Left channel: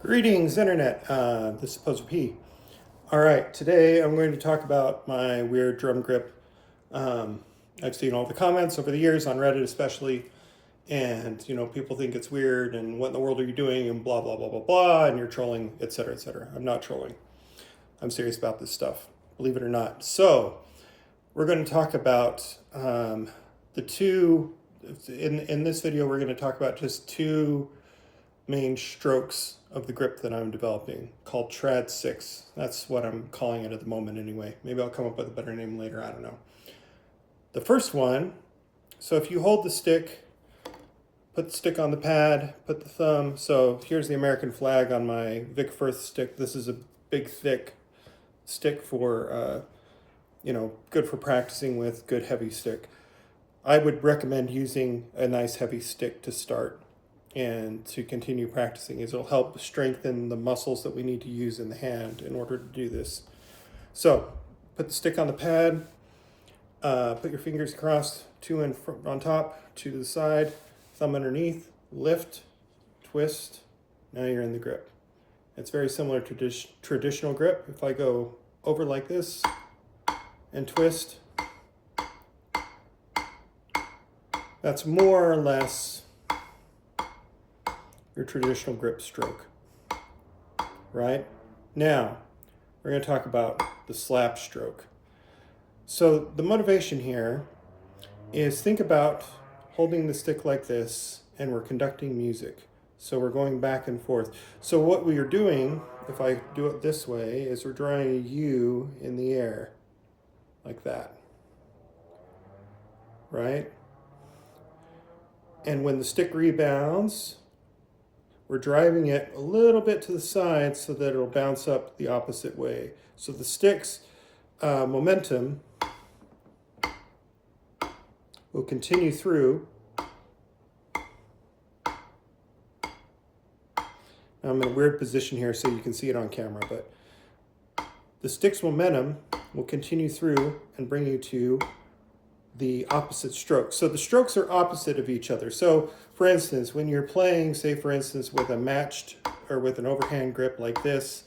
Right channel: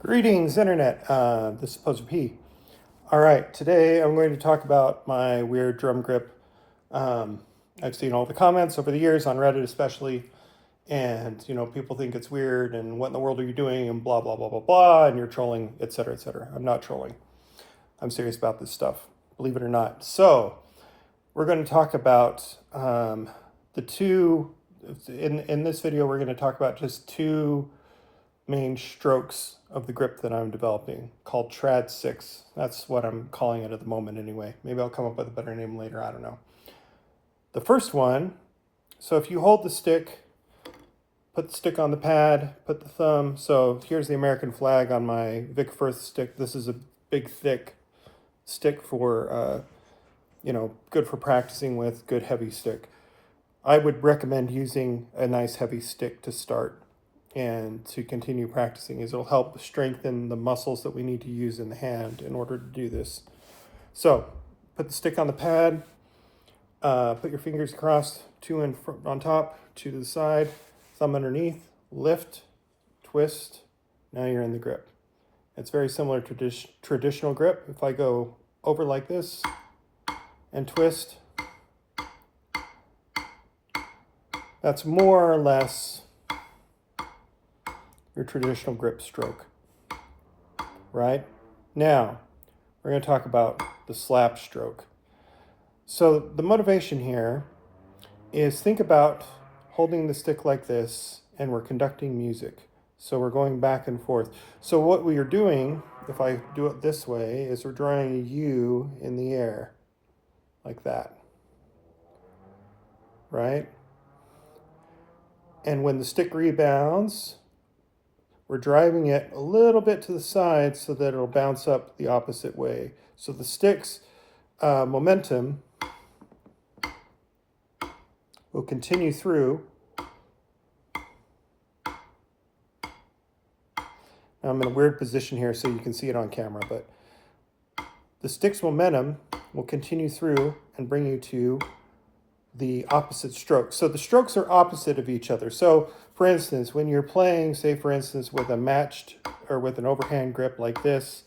Greetings, Internet. This is Poser P. All right, today I'm going to talk about my weird drum grip. I've seen all the comments over the years on Reddit especially, and people think it's weird and what in the world are you doing and blah, blah, blah, blah, blah, and you're trolling, etc., etc. I'm not trolling. I'm serious about this stuff, believe it or not. So we're going to talk about the two, in this video we're going to talk about just two main strokes of the grip that I'm developing called tradsix. That's what I'm calling it at the moment anyway. Maybe I'll come up with a better name later, I don't know. The first one, so if you hold the stick, put the stick on the pad, put the thumb, so here's the American flag on my Vic Firth stick. This is a big thick stick for, good for practicing with, good heavy stick. I would recommend using a nice heavy stick to start and to continue practicing, as it'll help strengthen the muscles that we need to use in the hand in order to do this. So put the stick on the pad, put your fingers across, two in front, on top, two to the side, thumb underneath, lift, twist. Now you're in the grip. It's very similar to traditional grip. If I go over like this and twist, that's more or less your traditional grip stroke, right? Now, we're going to talk about the slap stroke. So the motivation here is, think about holding the stick like this and we're conducting music. So we're going back and forth. So what we are doing, if I do it this way, is we're drawing a U in the air, like that, right? And when the stick rebounds, we're driving it a little bit to the side so that it'll bounce up the opposite way. So the stick's momentum will continue through. Now I'm in a weird position here so you can see it on camera, but the stick's momentum will continue through and bring you to the opposite stroke. So the strokes are opposite of each other. So for instance, when you're playing, say for instance, with a matched or with an overhand grip like this,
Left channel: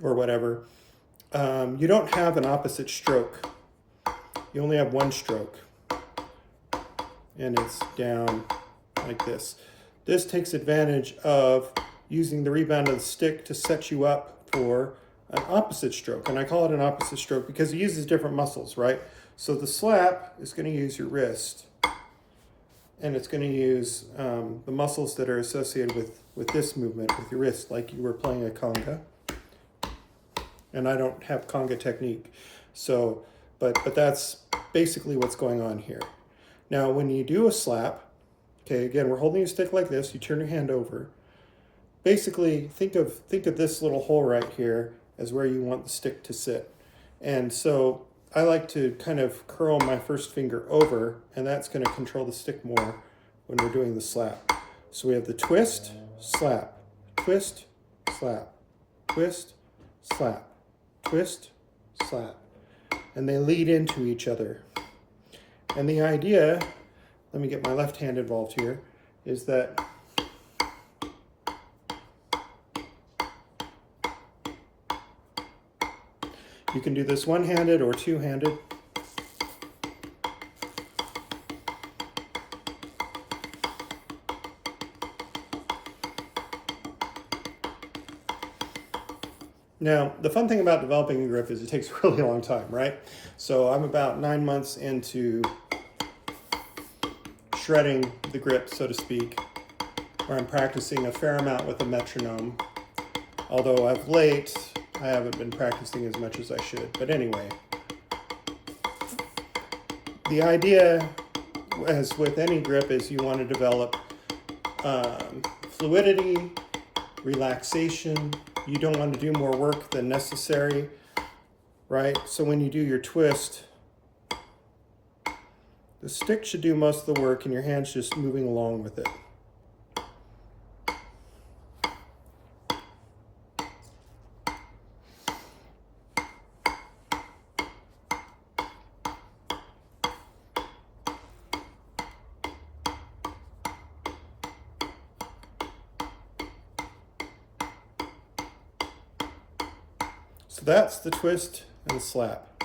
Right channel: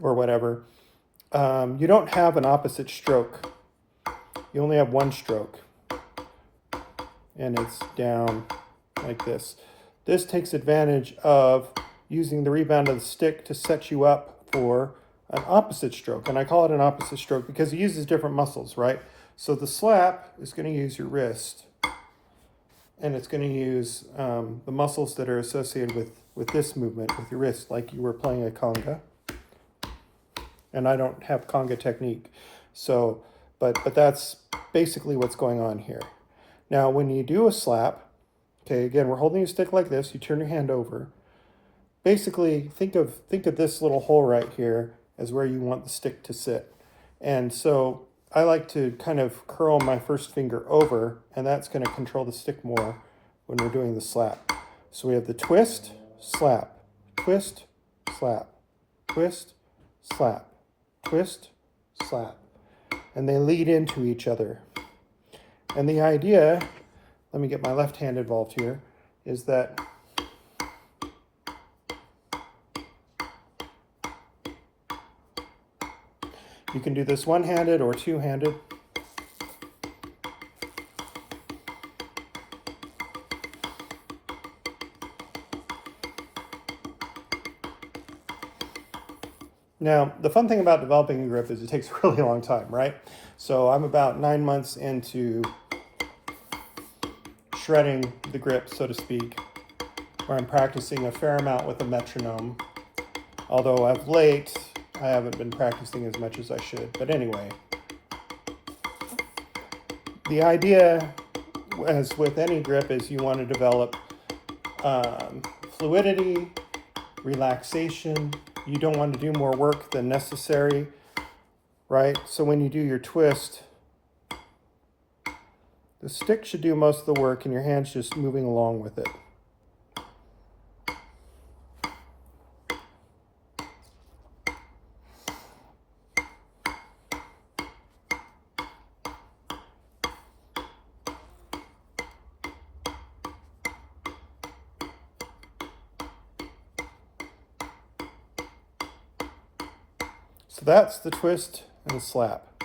or whatever, you don't have an opposite stroke. You only have one stroke, and it's down like this. This takes advantage of using the rebound of the stick to set you up for an opposite stroke. And I call it an opposite stroke because it uses different muscles, right? So the slap is going to use your wrist, and it's going to use the muscles that are associated with this movement with your wrist, like you were playing a conga. And I don't have conga technique. So, but that's basically what's going on here. Now, when you do a slap, okay, again, we're holding a stick like this, you turn your hand over. Basically, think of this little hole right here as where you want the stick to sit. And so I like to kind of curl my first finger over, and that's going to control the stick more when we're doing the slap. So we have the twist, slap, twist, slap, twist, slap, twist, slap. And they lead into each other. And the idea, let me get my left hand involved here, is that you can do this one-handed or two-handed. Now, the fun thing about developing a grip is it takes a really long time, right? So I'm about 9 months into shredding the grip, so to speak, where I'm practicing a fair amount with a metronome. Although of late, I haven't been practicing as much as I should. But anyway, the idea, as with any grip, is you want to develop fluidity, relaxation. You don't want to do more work than necessary, right? So when you do your twist, the stick should do most of the work and your hand's just moving along with it. So that's the twist and the slap.